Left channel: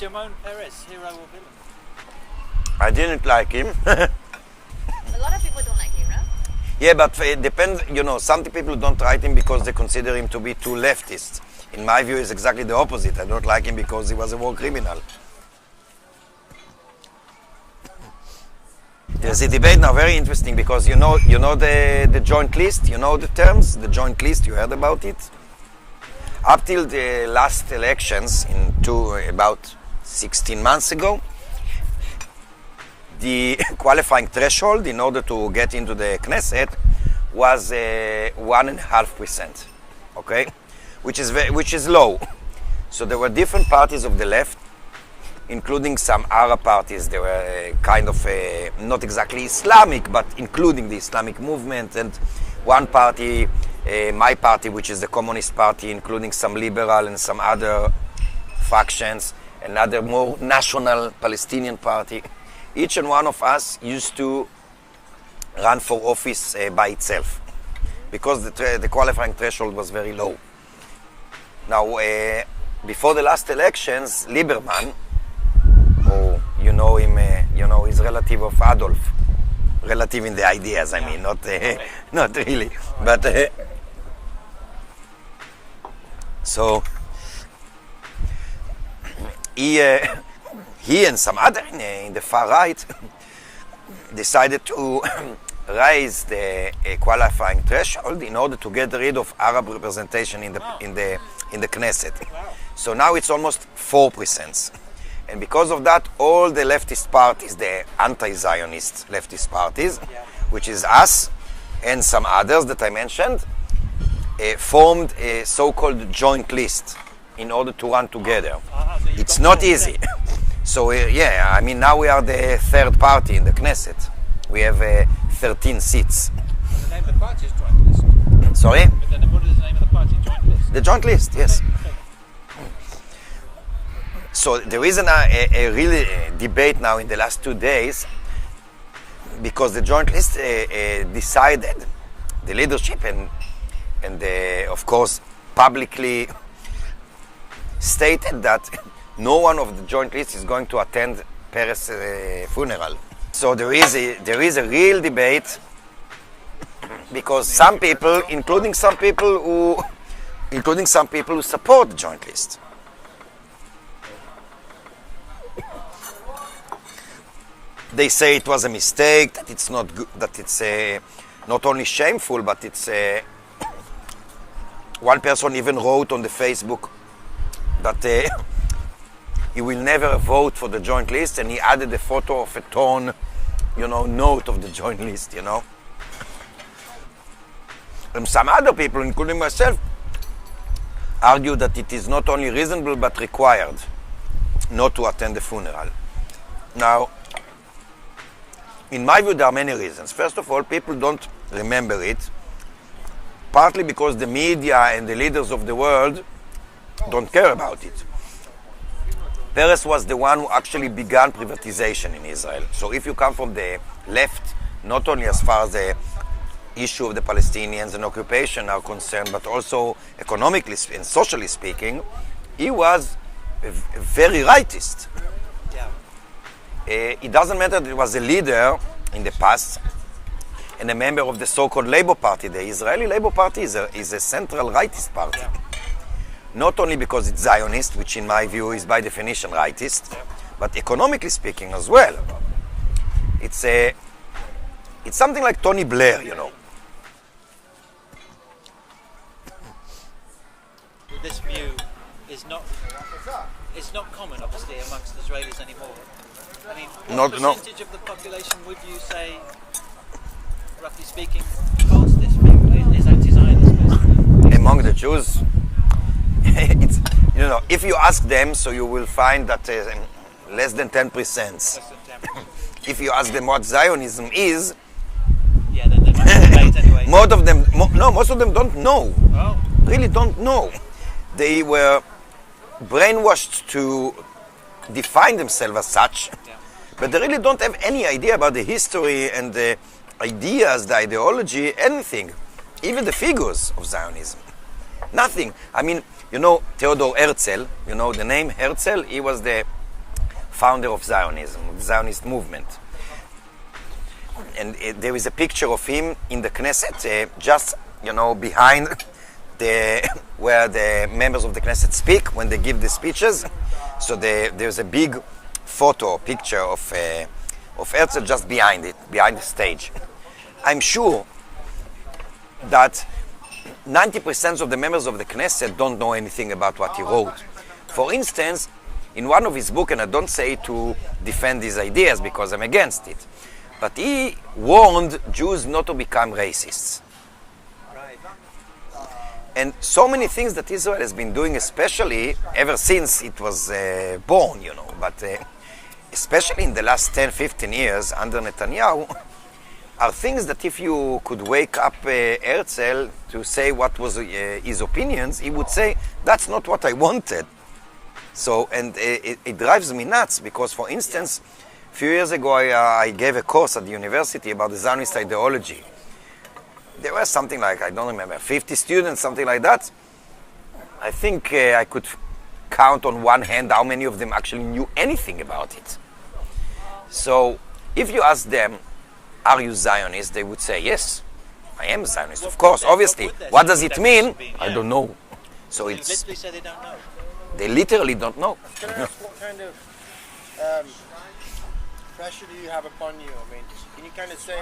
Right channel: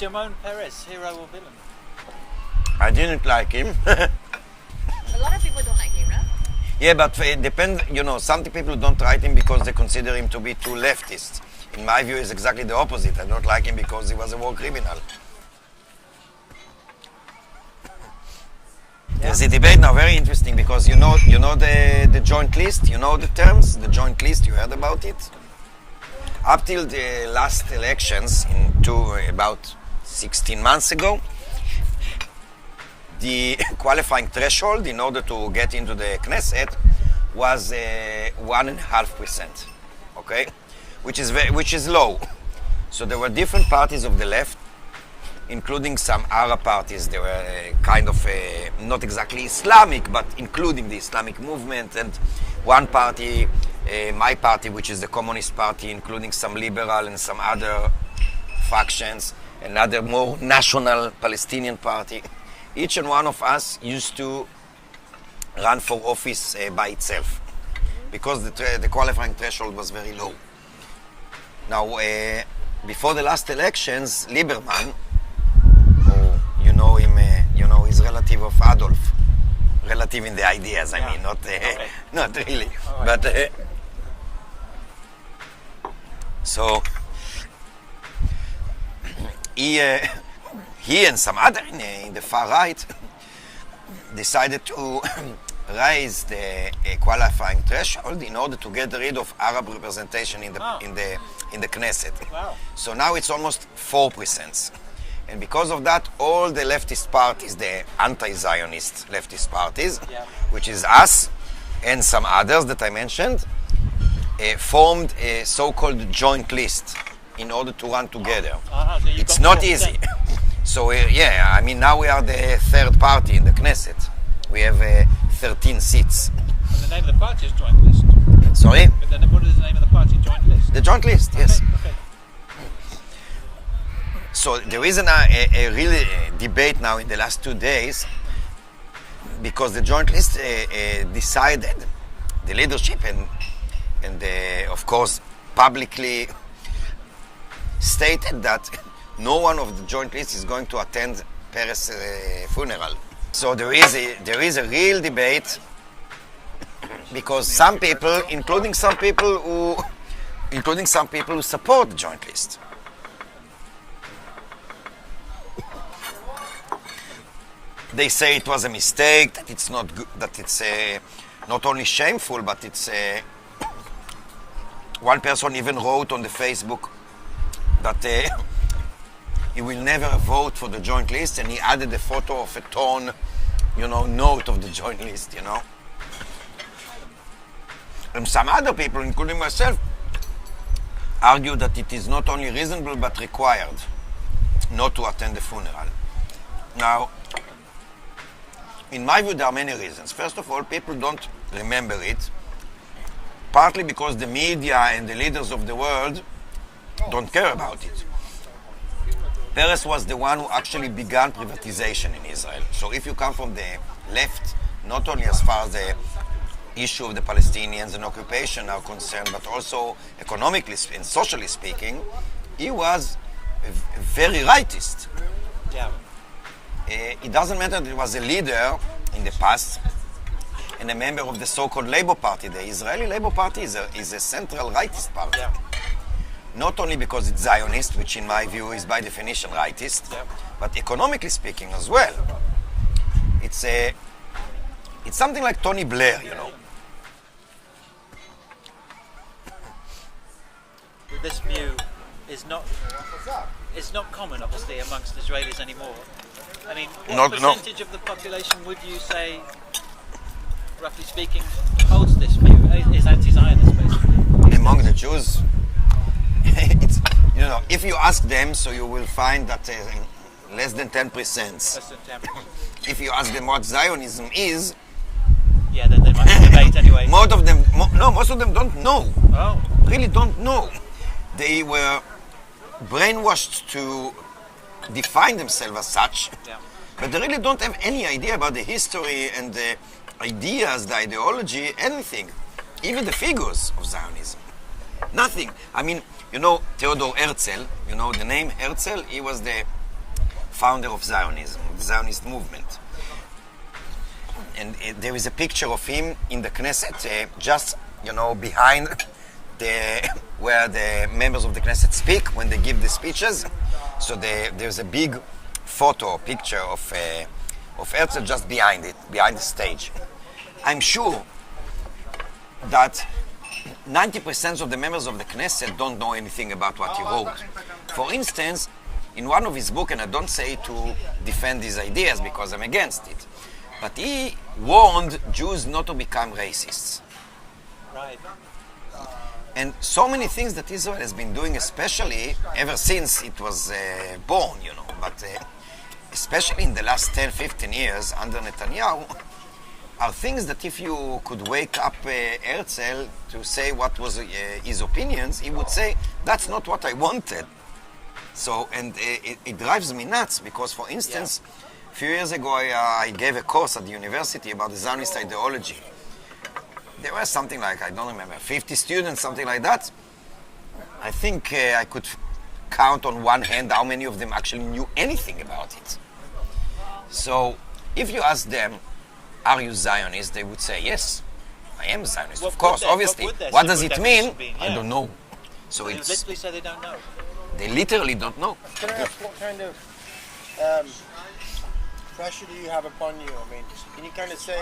Shimon Peres, hero or villain? I didn't like him. A lot of people don't like him, no? Yeah, but it depends, some people don't like him because they consider him to be too leftist. In my view, it's exactly the opposite. I don't like him because he was a war criminal. There's a debate now, very interesting, because you know the joint list, you know the terms, the joint list, you heard about it? Up till the last elections, about 16 months ago, the qualifying threshold in order to get into the Knesset was 1.5%, okay? Which is low. So there were different parties of the left, including some Arab parties. They were kind of not exactly Islamic, but including the Islamic movement, and one party, my party, which is the Communist Party, including some liberal and some other factions, another more national Palestinian party. Each and one of us used to run for office by itself because the qualifying threshold was very low. Now, before the last elections, Lieberman, you know him, he's relative of Adolf. Relative in the ideas, I mean, not really. But, so, he and some other in the far right decided to raise the qualifying threshold in order to get rid of Arab representation in the Knesset. Wow. So now it's almost 4%. And because of that, all the leftist parties, the anti-Zionist leftist parties, which is us and some others that I mentioned, formed a so-called joint list in order to run together. So it's not easy. So now we are the third party in the Knesset. We have 13 seats. And the name of the party is Joint List. Sorry? But then what is the name of the party? Joint List? The joint list, yes. Okay. So there is a really debate now in the last 2 days because the joint list decided, the leadership and of course publicly stated that no one of the joint list is going to attend Peres' funeral. So there is a real debate because some people, including some people who support the joint list, they say it was a mistake, that it's not good, that it's not only shameful, but it's one person even wrote on the Facebook that he will never vote for the joint list, and he added a photo of a torn, note of the joint list, And some other people, including myself, argue that it is not only reasonable but required not to attend the funeral. Now, in my view, there are many reasons. First of all, people don't remember it, partly because the media and the leaders of the world don't care about it. Peres was the one who actually began privatization in Israel. So if you come from the left, not only as far as the issue of the Palestinians and occupation are concerned, but also economically and socially speaking, he was very rightist. Yeah. It doesn't matter that he was a leader in the past and a member of the so-called Labour Party. The Israeli Labour Party is a central rightist party. Yeah. Not only because it's Zionist, which in my view is by definition rightist, but economically speaking as well. It's something like Tony Blair, This view is not common, obviously, amongst Israelis anymore. I mean, what percentage of the population would you say, roughly speaking, holds this view, is anti-Zionist basically? Among the Jews, it's, if you ask them, so you will find that less than 10%. Less than 10%. If you ask them what Zionism is, yeah, then they might debate anyway. most of them don't know. Oh. Really don't know. They were brainwashed to define themselves as such, but they really don't have any idea about the history and the ideas, the ideology, anything, even the figures of Zionism. Nothing. I mean, Theodor Herzl, the name Herzl, he was the founder of Zionism, the Zionist movement. And there is a picture of him in the Knesset, just, behind where the members of the Knesset speak when they give the speeches. So there's a big picture of Herzl just behind the stage. I'm sure that 90% of the members of the Knesset don't know anything about what he wrote. For instance, in one of his books, and I don't say to defend his ideas because I'm against it, but he warned Jews not to become racists. Right. And so many things that Israel has been doing, especially ever since it was born, but especially in the last 10, 15 years under Netanyahu, are things that if you could wake up Herzl to say what was his opinions, he would say, that's not what I wanted. So, and it drives me nuts because, for instance, a few years ago I gave a course at the university about the Zionist ideology. There were something like, I don't remember, 50 students, something like that. I think I could count on one hand how many of them actually knew anything about it. So, if you ask them, are you Zionist? They would say, yes, I am Zionist, of course, obviously. What does it mean? I don't know. So they literally say they don't know. They literally don't know. Can I ask what kind of pressure do you have upon you? I mean, can you kind of say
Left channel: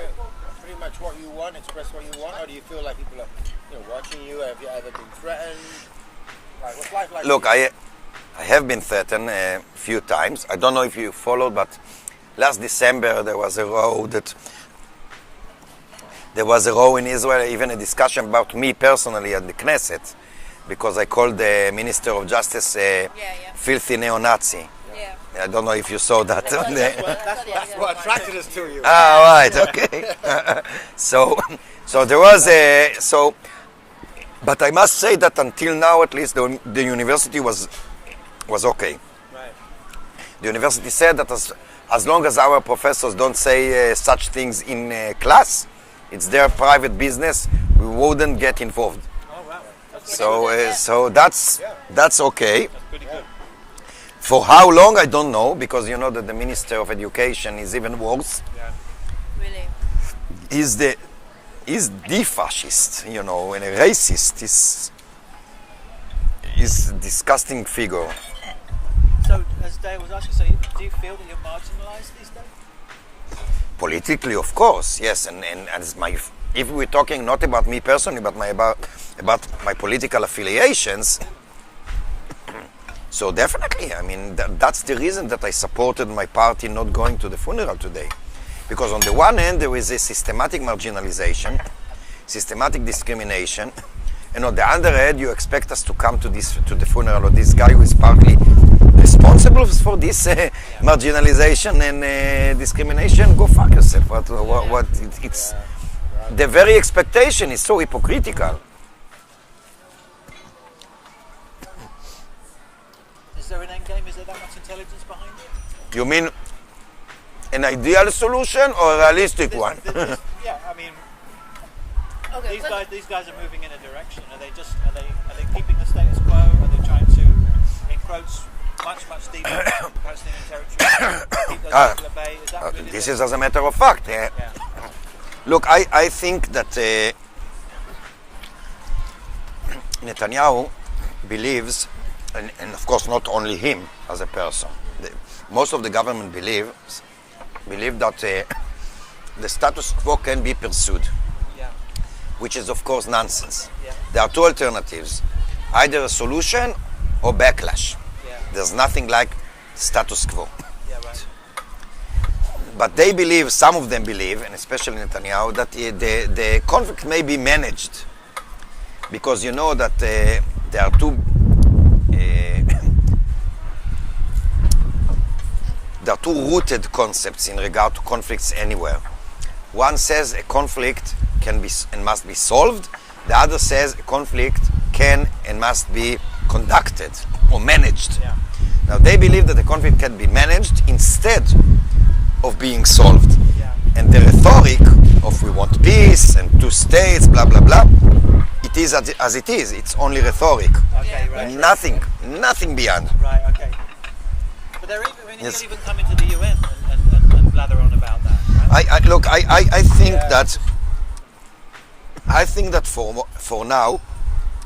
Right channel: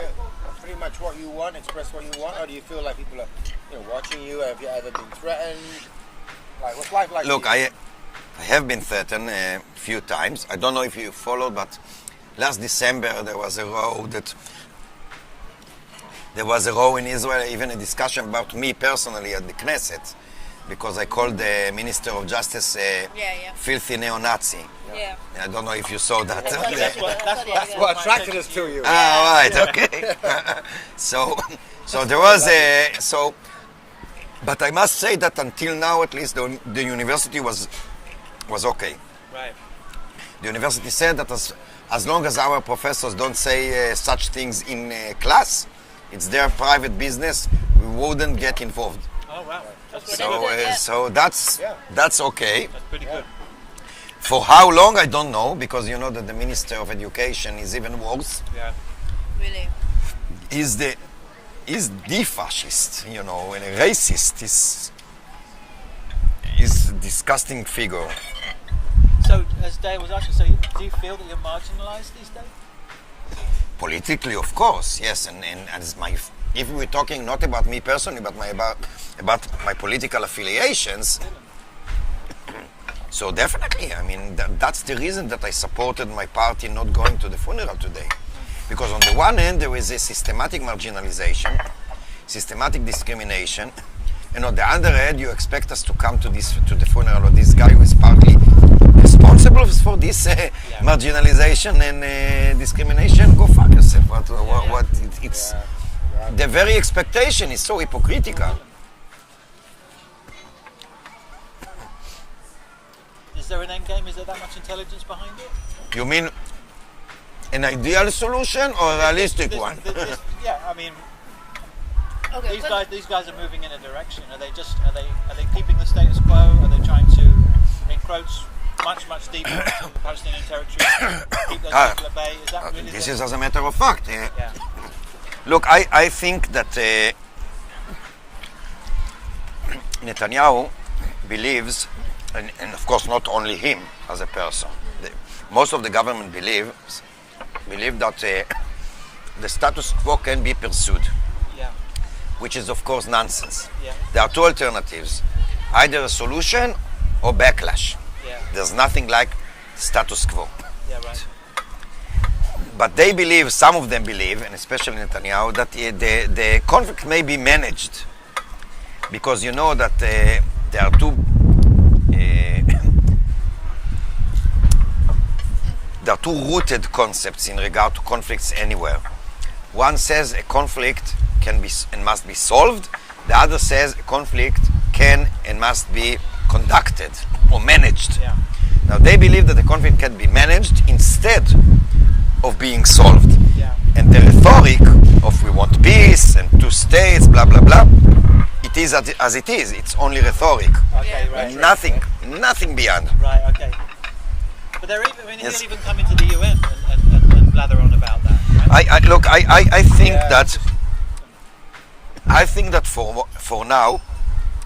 pretty much what you want, express what you want, or do you feel like people are, watching you? Have you ever been threatened? Like, what's life like? Look, I have been threatened a few times. I don't know if you followed, but last December there was a row in Israel, even a discussion about me personally at the Knesset, because I called the Minister of Justice filthy neo-Nazi. Yeah. I don't know if you saw that. That's what attracted us to you. Right, okay. So there was but I must say that until now, at least, the university was okay. Right. The university said that as long as our professors don't say such things in class, it's their private business. We wouldn't get involved. Oh wow. That's So that's okay. That's pretty good. For how long, I don't know, because you know that the Minister of Education is even worse. Yeah. Really? He's the fascist, and a racist. He's a disgusting figure. So, as Dave was asking, do you feel that you're marginalized these days? Politically, of course, yes, and as if we're talking not about me personally, but about my political affiliations. So definitely, I mean, that's the reason that I supported my party not going to the funeral today. Because on the one hand, there is a systematic marginalization, systematic discrimination, and on the other hand, you expect us to come to the funeral of this guy who is partly responsible for this marginalization and discrimination. Go fuck yourself. It's the very expectation is so hypocritical. Is there an end game? Is there that much intelligence behind it? You mean an ideal solution or a realistic one? Yeah, I mean, Okay, these guys are moving in a direction. Are they keeping the status quo? Are they trying to encroach much deeper into the Palestinian territory? Keep those people at bay? Is that really This is as a matter of fact. Look, I think that Netanyahu believes, and of course not only him as a person, most of the government believe that the status quo can be pursued, which is of course nonsense. There are two alternatives, either a solution or backlash. There's nothing like status quo. Right. But they believe, some of them believe, and especially Netanyahu, that the conflict may be managed, because you know that there are two rooted concepts in regard to conflicts anywhere. One says a conflict can be and must be solved. The other says a conflict can and must be conducted or managed. Now they believe that the conflict can be managed instead of being solved. And the rhetoric of we want peace and two states, blah blah blah, it is as it is. It's only rhetoric. Okay, right. Nothing beyond. Right, okay. But they're even, I mean, Yes. he'll even come into the UN and blather on about that. Right? I think that for now,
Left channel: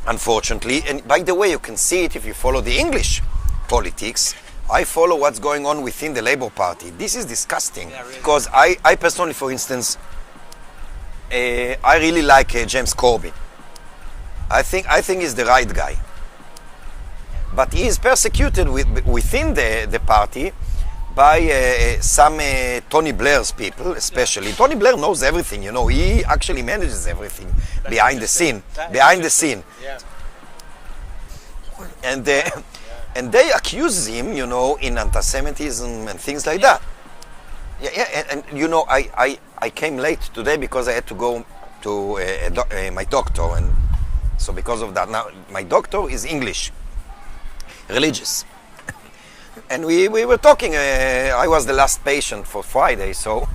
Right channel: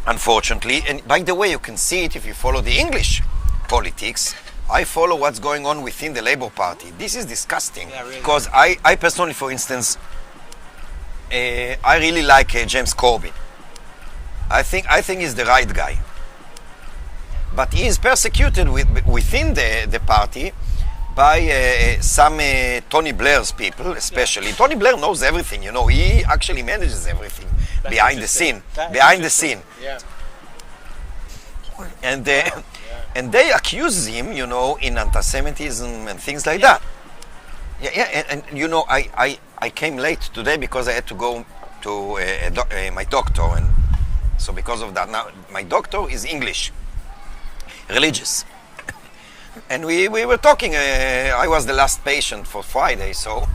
unfortunately, and by the way, you can see it if you follow the English politics. I follow what's going on within the Labour Party. This is disgusting. Yeah, really. Because I personally, for instance, I really like James Corbyn. I think he's the right guy. But he is persecuted within the party by some Tony Blair's people, especially. Yeah. Tony Blair knows everything, you know. He actually manages everything behind the scene. Yeah. And they accuse him, you know, in anti-Semitism and things like that. Yeah, and you know, I came late today because I had to go to my doctor, and so because of that, now my doctor is English, religious, and we were talking. I was the last patient for Friday, so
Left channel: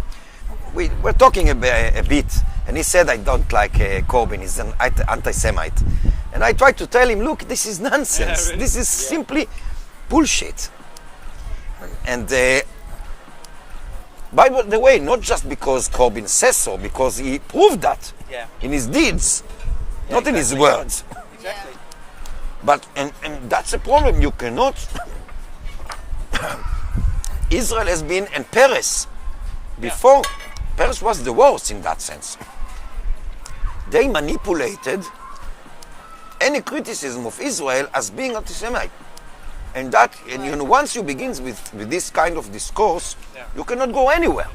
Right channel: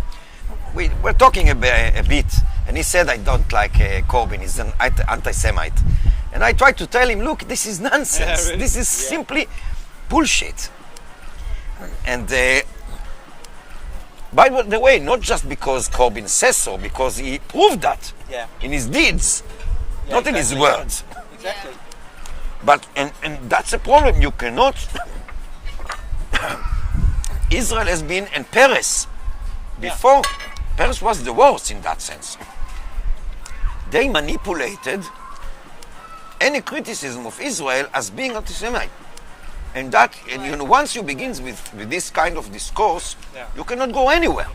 we were talking a bit, and he said I don't like Corbyn. He's an anti-Semite. And I tried to tell him, look, this is nonsense. Yeah, really? This is simply bullshit. And by the way, not just because Corbyn says so, because he proved that in his deeds, not in his words. Exactly. But and that's a problem. You cannot. Israel has been, and Peres before. Peres was the worst in that sense. They manipulated any criticism of Israel as being anti-Semite. And that, and you know, once you begin with this kind of discourse, you cannot go anywhere.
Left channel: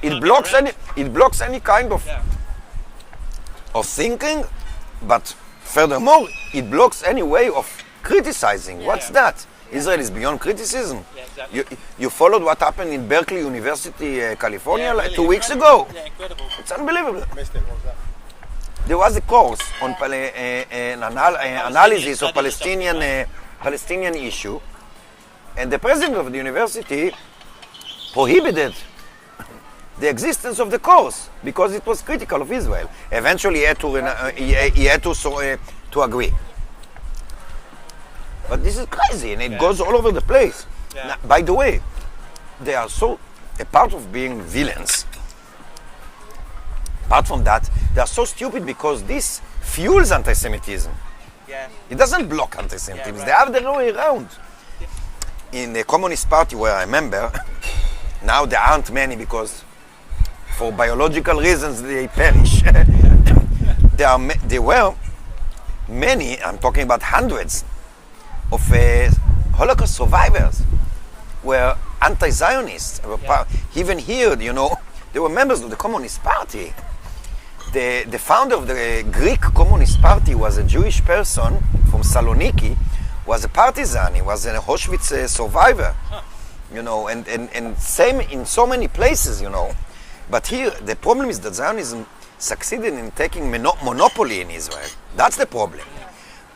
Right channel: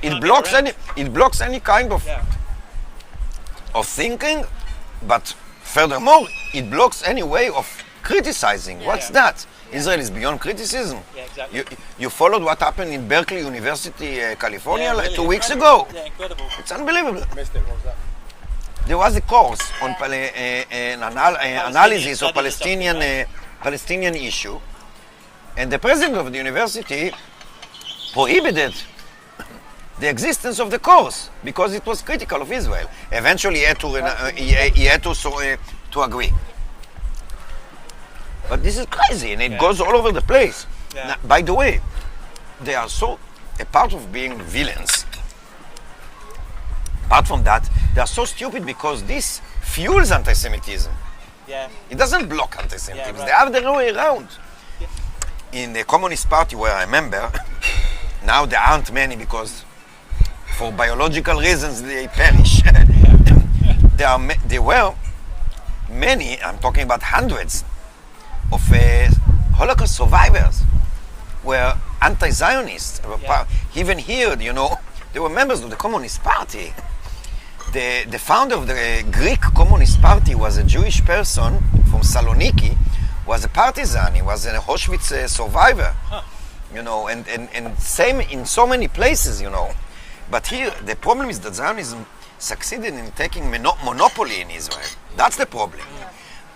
It blocks any kind of thinking, but furthermore, it blocks any way of criticizing. What's that? Israel is beyond criticism. Yeah, exactly. You followed what happened in Berkeley University, California, really 2 weeks ago. Yeah, incredible. It's unbelievable. Missed it. What was that? There was a course on analysis of Palestinian issue, and the president of the university prohibited the existence of the course because it was critical of Israel. Eventually, he had to agree. But this is crazy, and it goes all over the place. Yeah. Now, by the way, they are so a part of being villains. Apart from that, they are so stupid because this fuels anti-Semitism. Yeah. It doesn't block anti-Semitism. Yeah, right. They have the other way around. In the Communist Party where I member, now there aren't many because for biological reasons they perish. There were many, I'm talking about hundreds, of Holocaust survivors were anti-Zionists. Even here, you know, they were members of the Communist Party. The founder of the Greek Communist Party was a Jewish person from Saloniki, was a partisan, he was an Auschwitz survivor, you know, and same in so many places, you know. But here, the problem is that Zionism succeeded in taking monopoly in Israel. That's the problem.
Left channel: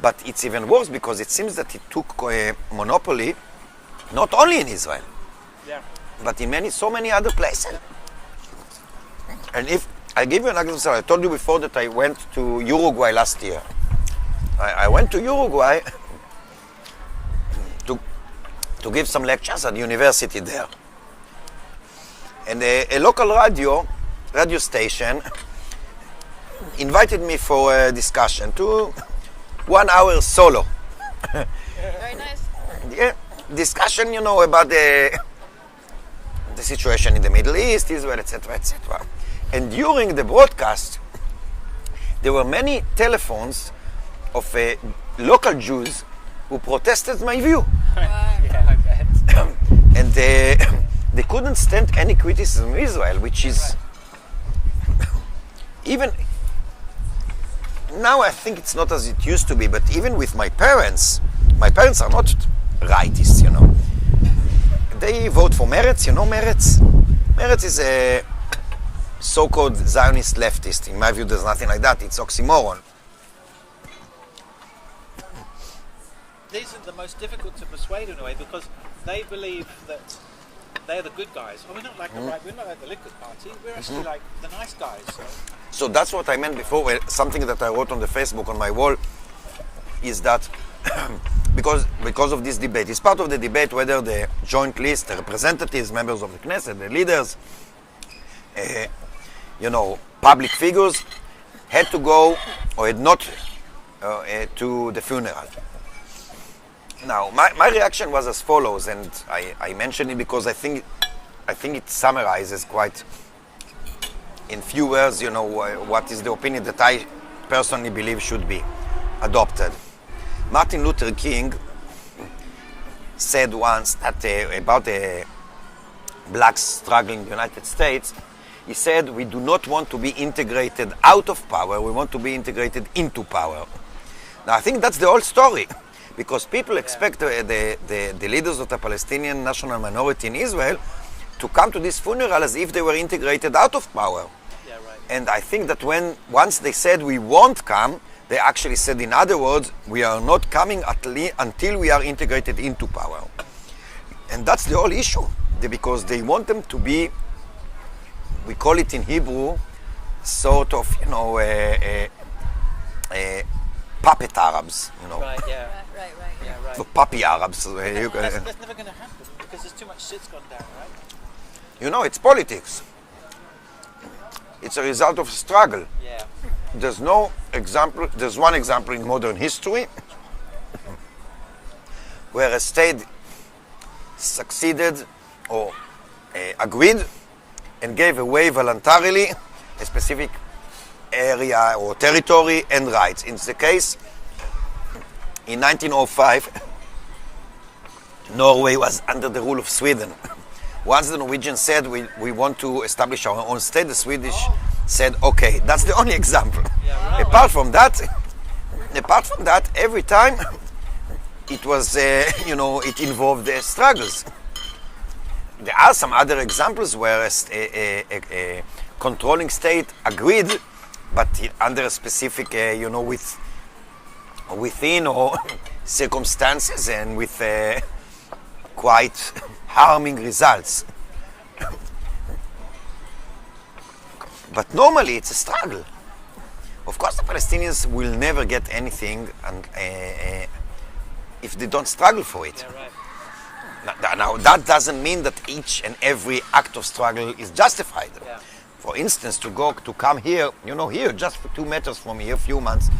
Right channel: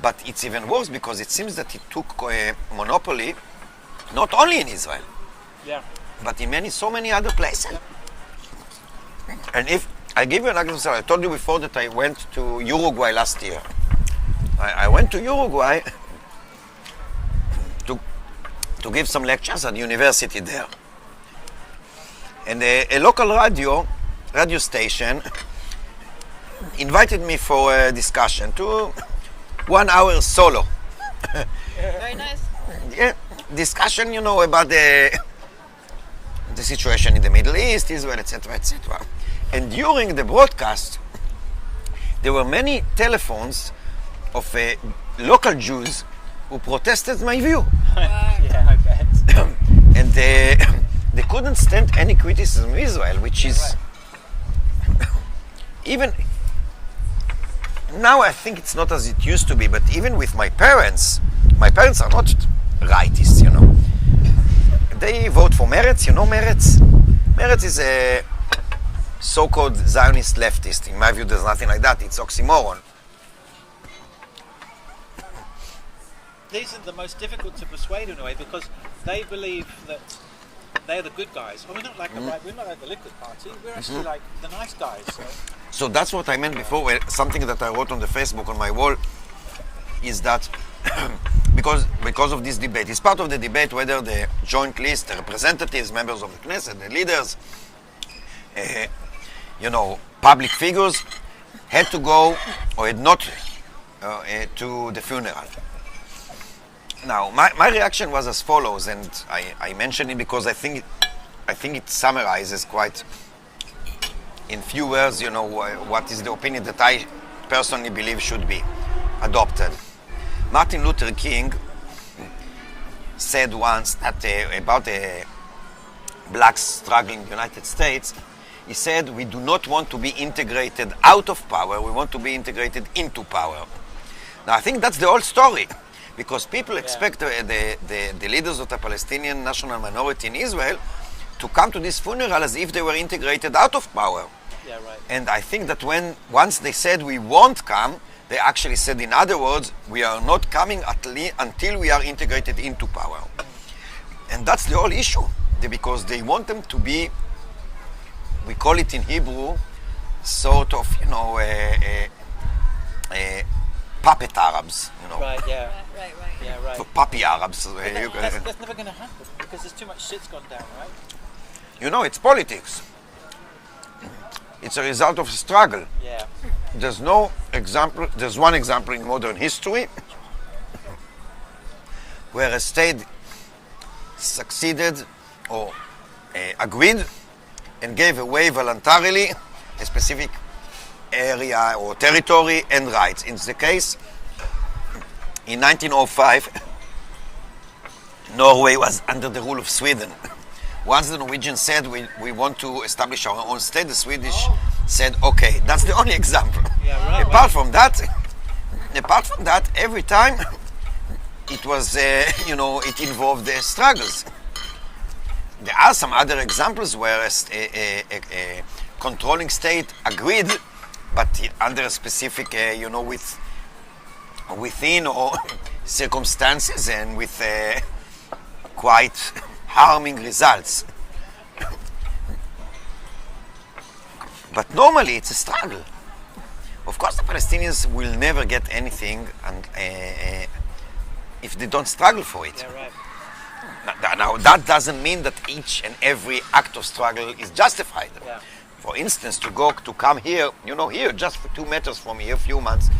But it's even worse because it seems that it took monopoly not only in Israel, but in so many other places. And if I give you an example, I told you before that I went to Uruguay last year. I went to Uruguay to give some lectures at the university there. And a local radio station invited me for a discussion to 1 hour solo. Very nice. Yeah, discussion, you know, about the situation in the Middle East, Israel, etc., etc. And during the broadcast, there were many telephones of local Jews who protested my view. Yeah, I bet. And they couldn't stand any criticism of Israel, which is even now I think it's not as it used to be, but even with my parents are not rightists, you know. They vote for Meretz, you know Meretz? Meretz is a so-called Zionist leftist. In my view, there's nothing like that. It's oxymoron. These are the most difficult to persuade in a way because they believe that they're the good guys. Well, we're not like we're not like the Liquid Party. We're actually like the nice guys. So that's what I meant before. Something that I wrote on the Facebook on my wall is that because of this debate. It's part of the debate whether the joint list, the representatives, members of the Knesset, the leaders, public figures, had to go or had not to the funeral. Now, my reaction was as follows, and I mention it because I think it summarizes quite, in few words, what is the opinion that I personally believe should be adopted. Martin Luther King said once that about the black struggle in the United States, he said, we do not want to be integrated out of power, we want to be integrated into power. Now, I think that's the whole story, because people expect the leaders of the Palestinian national minority in Israel to come to this funeral as if they were integrated out of power. Yeah, right. And I think that once they said we won't come, they actually said, in other words, we are not coming until we are integrated into power. And that's the whole issue, because they want them to be, we call it in Hebrew, sort of, puppet Arabs, Right, yeah. Right. Yeah, right. The puppy Arabs. That's never going to happen because there's too much shit's gone down, right? It's politics. It's a result of a struggle. Yeah. There's one example in modern history where a state succeeded or agreed and gave away voluntarily a specific area or territory and rights. In the case, in 1905, Norway was under the rule of Sweden. Once the Norwegians said we want to establish our own state, the Swedish said, okay, that's the only example. Yeah, right. Apart from that, every time it was, it involved struggles. There are some other examples where a controlling state agreed, but under a specific, within or circumstances and with quite harming results. But normally it's a struggle. Of course, the Palestinians will never get anything if they don't struggle for it. Yeah, right. Now, that doesn't mean that each and every act of struggle is justified. Yeah. For instance, to come here, here, just for 2 meters from here, a few months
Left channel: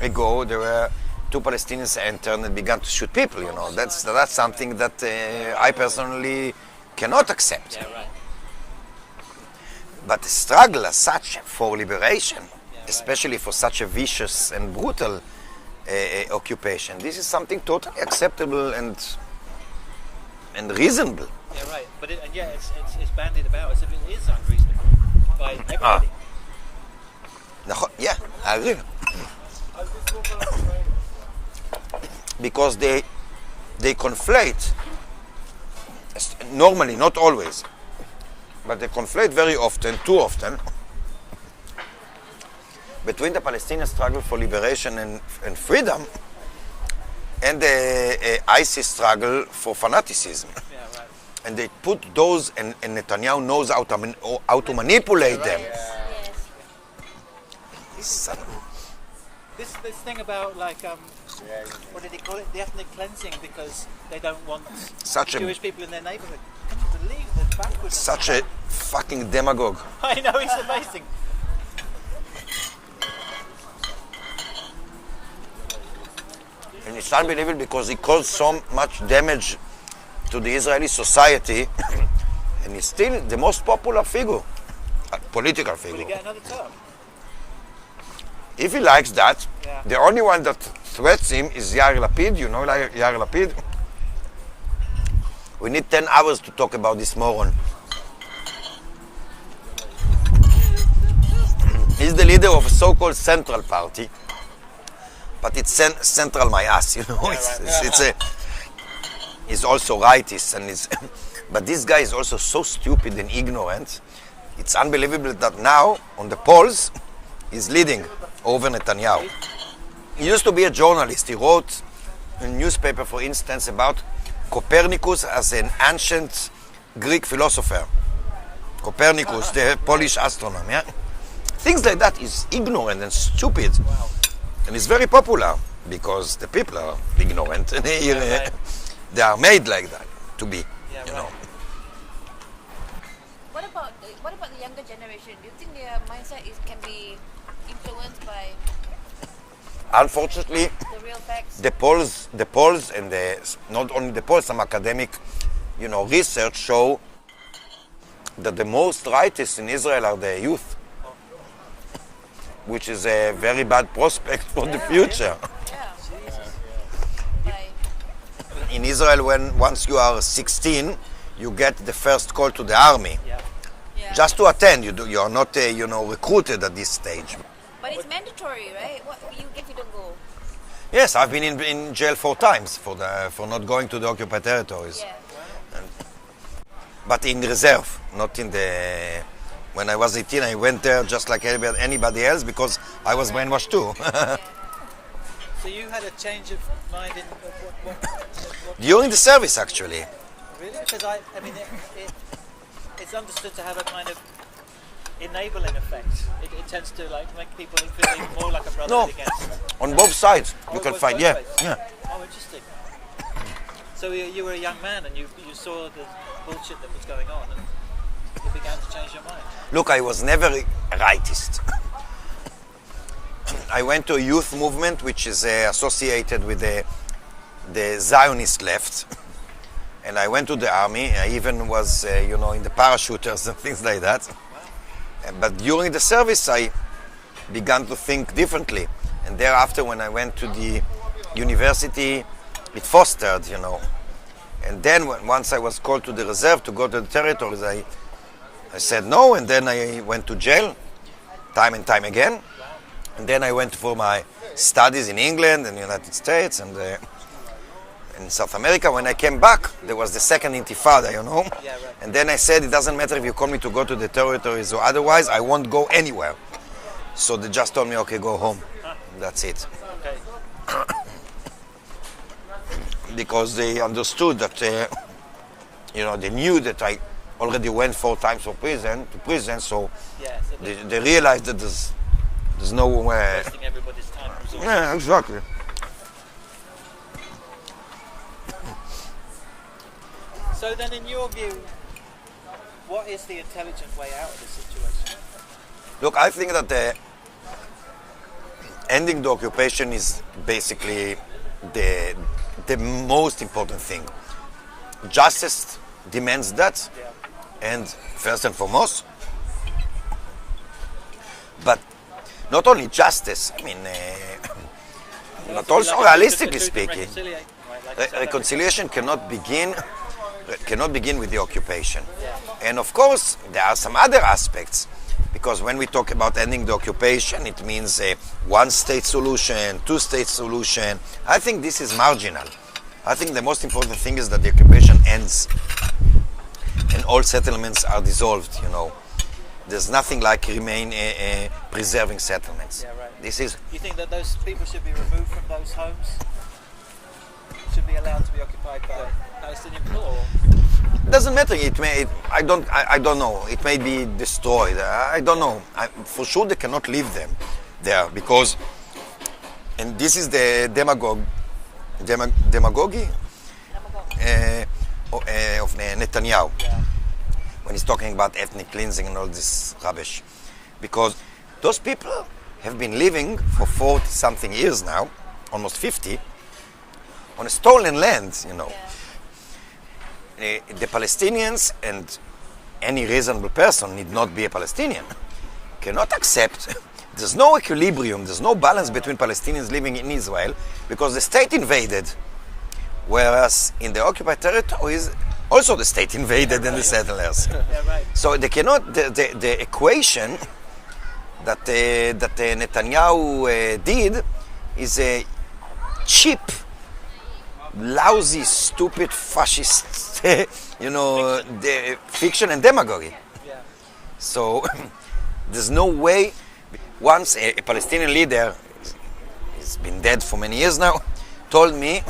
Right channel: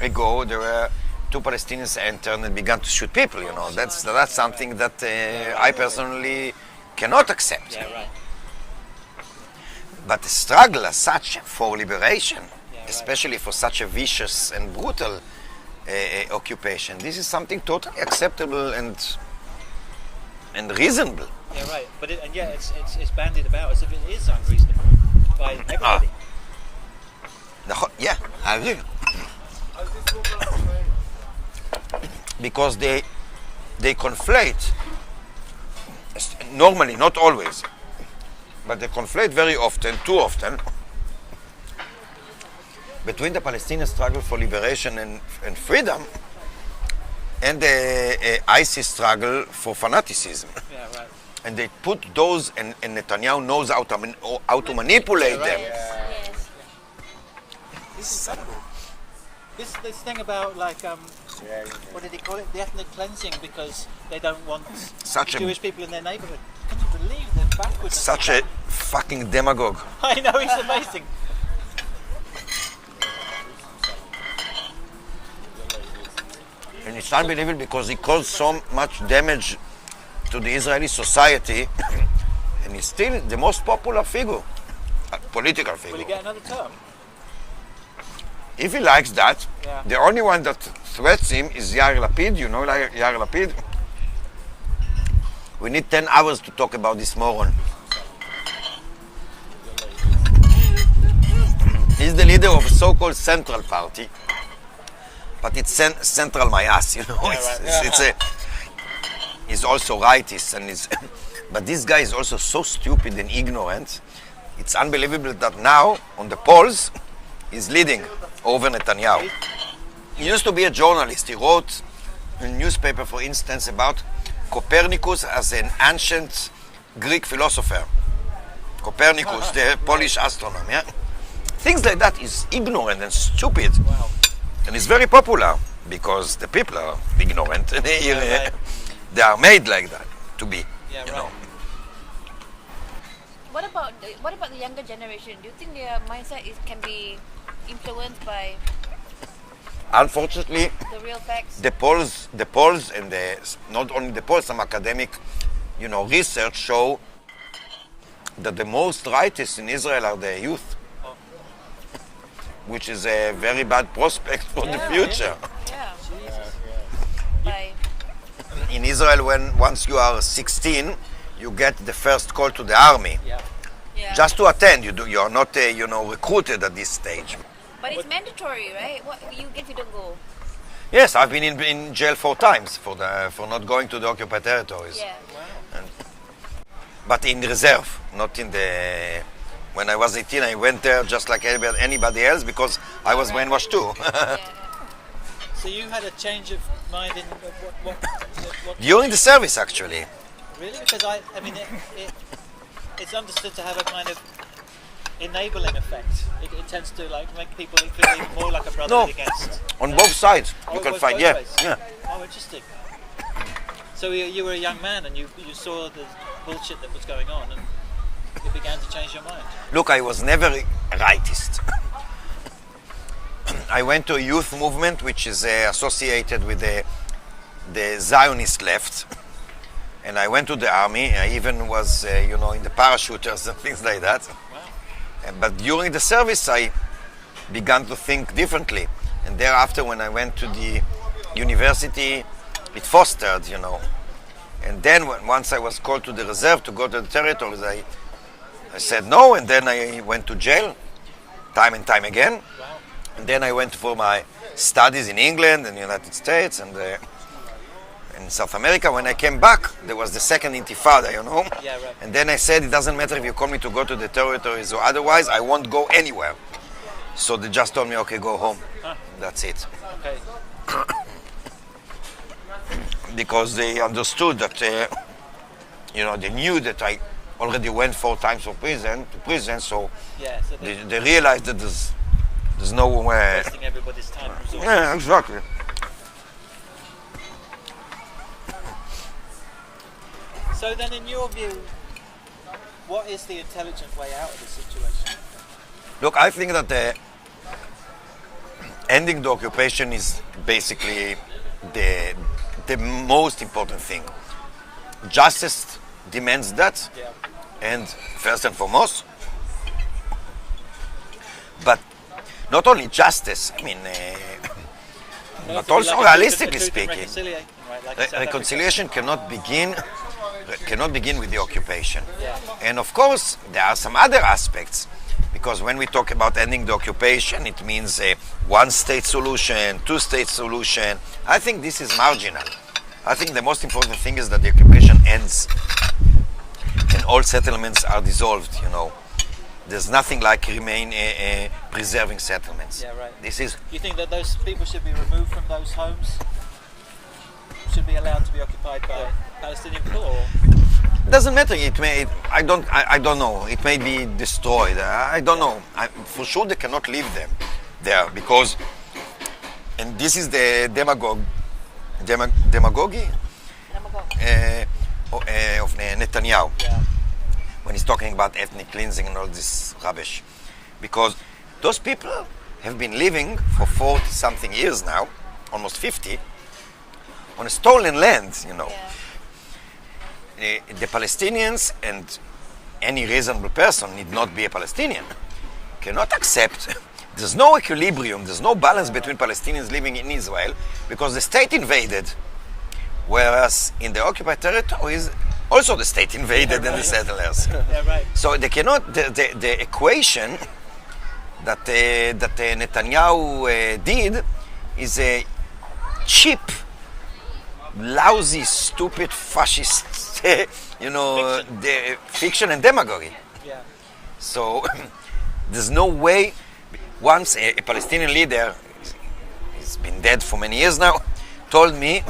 ago, there were 2 Palestinians entered and began to shoot people. That's something that I personally cannot accept. Yeah, right. But the struggle as such for liberation, right. especially for such a vicious and brutal occupation, this is something totally acceptable and reasonable. Yeah, right. But it's bandied about as if it is unreasonable by everybody. Yeah, I agree. Because they conflate, normally, not always, but they conflate very often, too often, between the Palestinian struggle for liberation and freedom and the ISIS struggle for fanaticism. Yeah, right. And they put those, and Netanyahu knows how to manipulate them. This thing about what did he call it? The ethnic cleansing, because they don't want Jewish people in their neighborhood. Can you believe they're backwards? Such a fucking demagogue. I know, he's amazing. And it's unbelievable because he caused so much damage to the Israeli society, and he's still the most popular figure, political figure. Will he get another term? If he likes that, Yeah. the only one that threats him is Yair Lapid. You know Yair Lapid? We need 10 hours to talk about this moron. He's the leader of a so-called Central Party, but it's central my ass, He's also rightist, but this guy is also so stupid and ignorant. It's unbelievable that now, on the polls, he's leading over Netanyahu. He used to be a journalist. He wrote in a newspaper, for instance, about Copernicus as an ancient Greek philosopher. Copernicus, the Polish astronomer. Yeah? Things like that is ignorant and stupid. Wow. And it's very popular. because the people are ignorant. They are made like that to be, Yeah, you right. know. What about the younger generation? Do you think their mindset can be influenced by Unfortunately, the real facts? the polls, and not only the polls, some academic, research show that the most righteous in Israel are the youth, which is a very bad prospect for the future. Yeah. By In Israel, once you are 16, you get the first call to the army. Yeah. yeah. Just to attend, you are not recruited at this stage. But it's mandatory, right? What you get, you don't go. Yes, I've been in jail 4 times for not going to the occupied territories. Yeah. But in reserve, not in the. When I was 18, I went there just like anybody else because I was brainwashed too. yeah. So you had a change of mind in what During the service, actually. really? Because I mean, it's understood to have a kind of enabling effect. It tends to make people feel even more like a brotherhood against. On both sides, Oh, you it can was find. both Yeah, ways? yeah. Oh, interesting. So you were a young man and you saw the bullshit that was going on and you began to change your mind. Look, I was never a rightist. I went to a youth movement which is associated with the Zionist left, and I went to the army. I even was, in the parachuters and things like that. But during the service, I began to think differently. And thereafter, when I went to the university, it fostered, And then once I was called to the reserve to go to the territories, I said no, and then I went to jail, time and time again. And then I went for my studies in England and the United States and in South America. When I came back, there was the second intifada, Yeah, right. And then I said, it doesn't matter if you call me to go to the territories or otherwise, I won't go anywhere. So they just told me, okay, go home. That's it. Okay. Because they understood that, they knew that I already went 4 times to prison, so Yeah. So they realized that there's no way. wasting everybody's time. and resources. Yeah, exactly. So then, in your view, what is the intelligent way out of this situation? Look, I think that ending the occupation is basically the most important thing. Justice demands that, Yeah. and first and foremost. But not only justice, but also realistically speaking, reconciliation cannot begin with the occupation. And of course, there are some other aspects, because when we talk about ending the occupation, it means a one-state solution, two-state solution. I think this is marginal. I think the most important thing is that the occupation ends and all settlements are dissolved, There's nothing like preserving settlements. Yeah, right. This is You think that those people should be removed from those homes? Should be allowed to be occupied by Palestinian people? Or? doesn't matter. I don't know. It may be destroyed. I don't know. For sure, they cannot leave them there because, and this is the demagogy of Netanyahu. Yeah. When he's talking about ethnic cleansing and all this rubbish. Because those people have been living for 40-something years now, almost 50, on a stolen land, The Palestinians, and any reasonable person need not be a Palestinian, cannot accept. There's no equilibrium, there's no balance between Palestinians living in Israel because the state invaded. Whereas in the occupied territories, also the state invaded and the settlers. Yeah, right. So they cannot. The equation that Netanyahu did is a cheap, lousy, stupid, fascist, the fiction and demagogy. Yeah. So there's no way. Once a Palestinian leader, he's been dead for many years now, told me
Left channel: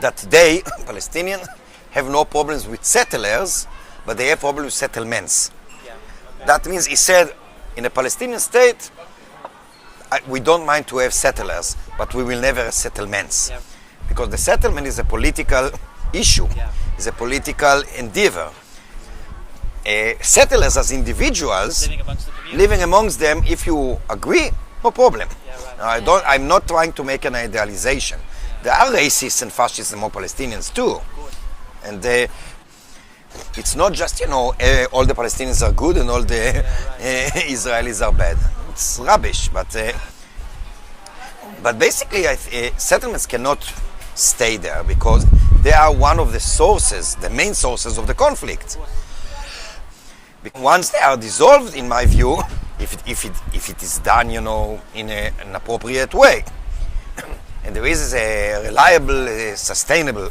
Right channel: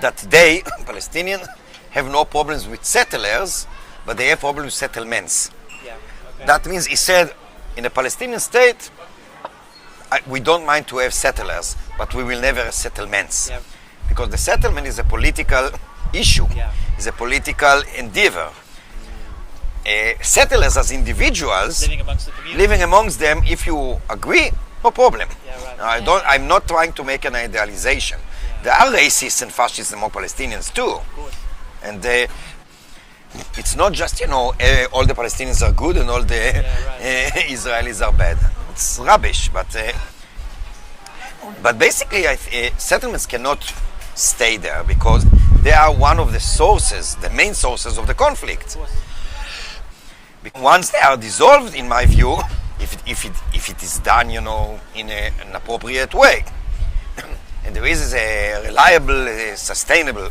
that they, Palestinians, have no problems with settlers, but they have problems with settlements. Yeah. Okay. That means, he said, in a Palestinian state, we don't mind to have settlers, but we will never have settlements. Yeah. Because the settlement is a political issue, Yeah. is a political endeavor. Settlers as individuals, living amongst the community. them, if you agree, no problem. Yeah, right. I'm not trying to make an idealization. There are racists and fascists among Palestinians too. Of course. And it's not just, all the Palestinians are good and all the Israelis are bad. It's rubbish. But basically, settlements cannot stay there because they are one of the sources, the main sources of the conflict. Once they are dissolved, in my view, if it is done, in an appropriate way, and there is a reliable, sustainable,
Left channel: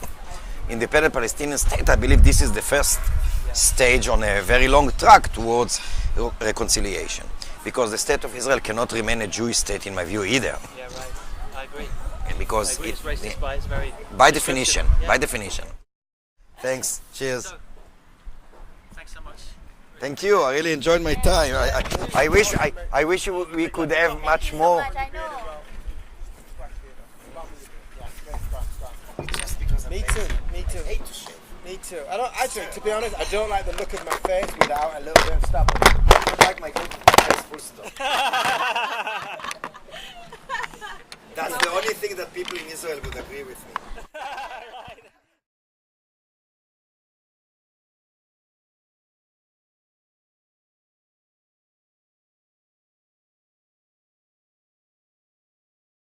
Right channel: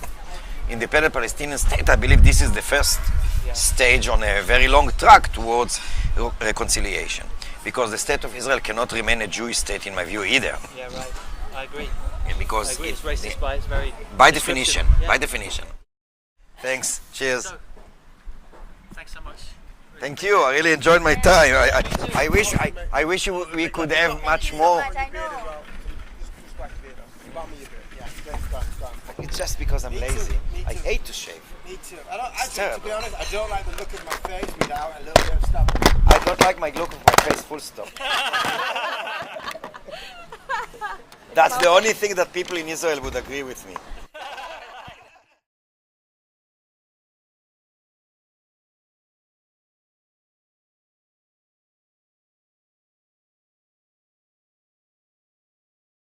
independent Palestinian state, I believe this is the first stage on a very long track towards reconciliation. Because the state of Israel cannot remain a Jewish state, in my view, either. Yeah, right. I agree. Because I agree. It's racist by its very by definition. Yeah. By definition. Thanks. Cheers. So, thanks so much. Thank you. I really enjoyed my time. I wish we could have much more. I know. It's just because I'm Me lazy. too, me too. I hate to shave. Me too. To be honest, I don't like the look of my face without a little bit of stuff. I don't like my look of my face, full stop. That's the only thing that people in Israel would agree with me.